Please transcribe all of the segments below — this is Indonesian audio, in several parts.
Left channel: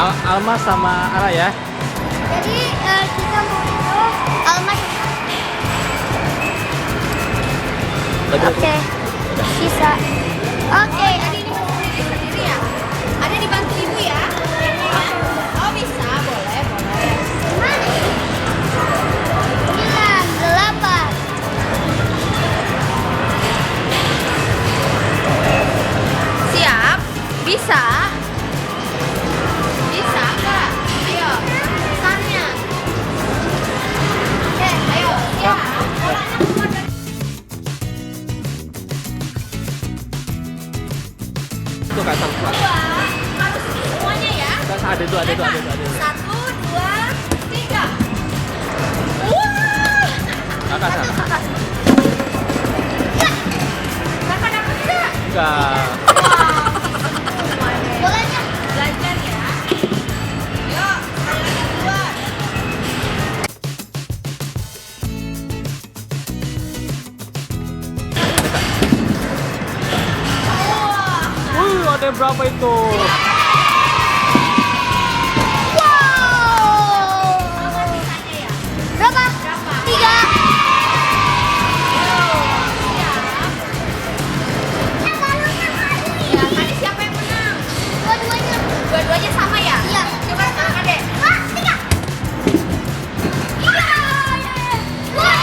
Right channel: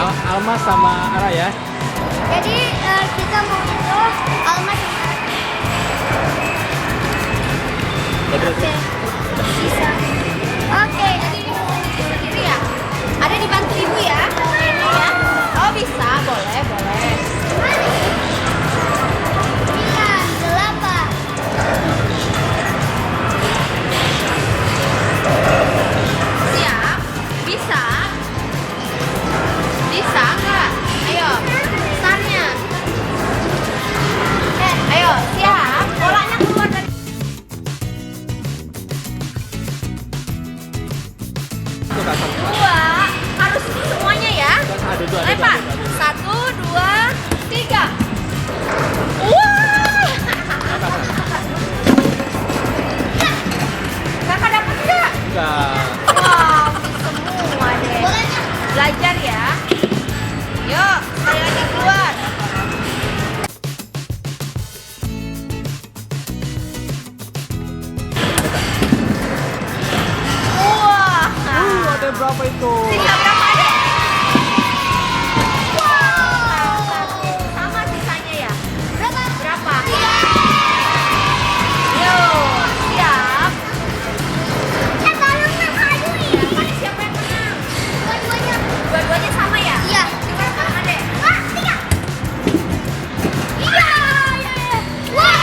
Alma sama Ara ya. Jadi kita mau itu Alma sama Oke, bisa. Oke, sendiri ya. Ada dibantu ibu ya. Oh bisa, boleh. 9, 8. Siap? Bisa? Bisa nggak? Ayo, tanya. Ayo, siap. Bolanya keluar dari Itu Kak Salma. dua. Harus semuanya ya. Ada dua. 1, 2, 3. Wah. Kakak sana. Kakak dapat nggak? Enggak. Bolanya belajar ya. Yuk, ayo keluar. Wah. Ada berapa itu? Sama sisanya ya. Berapa? 3. Yuk, siap. Ya, tadi siapa yang menang? Dua-duanya. Dua-duanya sama ya? Iya. Coba tangan adek. 3. Iya. Wah.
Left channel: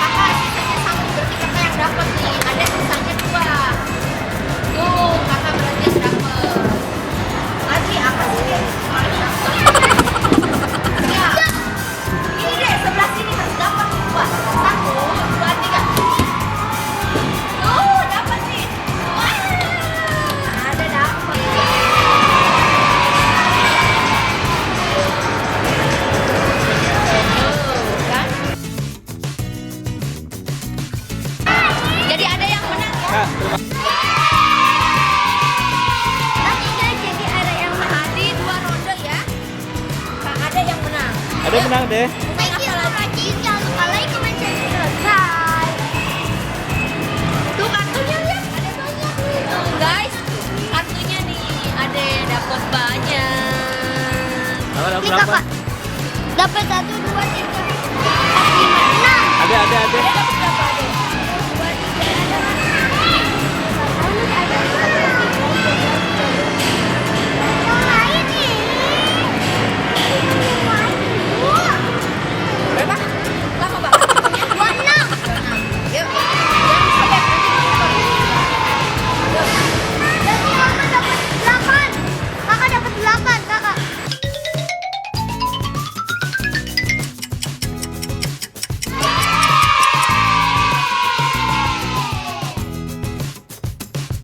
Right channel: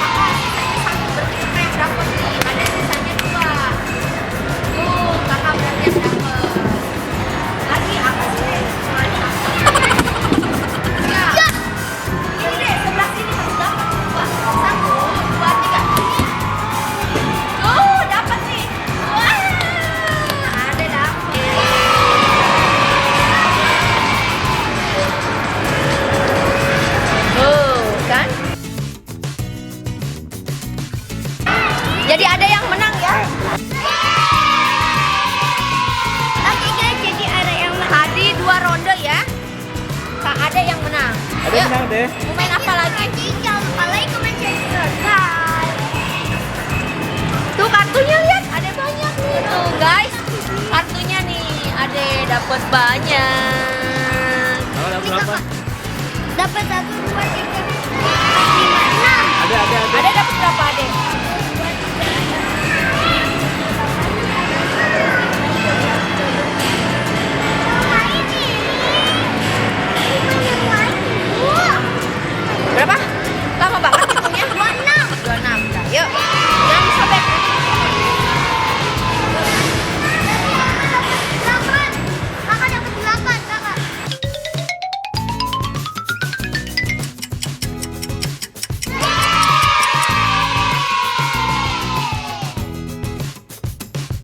Kakak sisanya sama, berarti kakak yang dapat nih. Adek sisanya 2. Tuh, kakak berarti yang dapat. Lagi apa sih deh? Ya. Ini deh, sebelah sini harus dapat nih 2. 1, 2, 3. Oh, dapat nih. Wah, ada dapat. Tuh, kan? Jadi ada yang menang ya? Kak, Oke guys, jadi ada yang menang. Tadi 2 ronde ya. Kak, ada yang menang. ada yang menang deh. Mau main apa lagi? Jangan lupa like, comment, share, subscribe. Tuh kartunya lihat, ada banyak nih. Tuh guys, kartunya nih, ada dapat banyak. Kakak dapat berapa? Dapat 1, 2, 3, 4, 5, 6. Ada. Ada dapat berapa, Ade?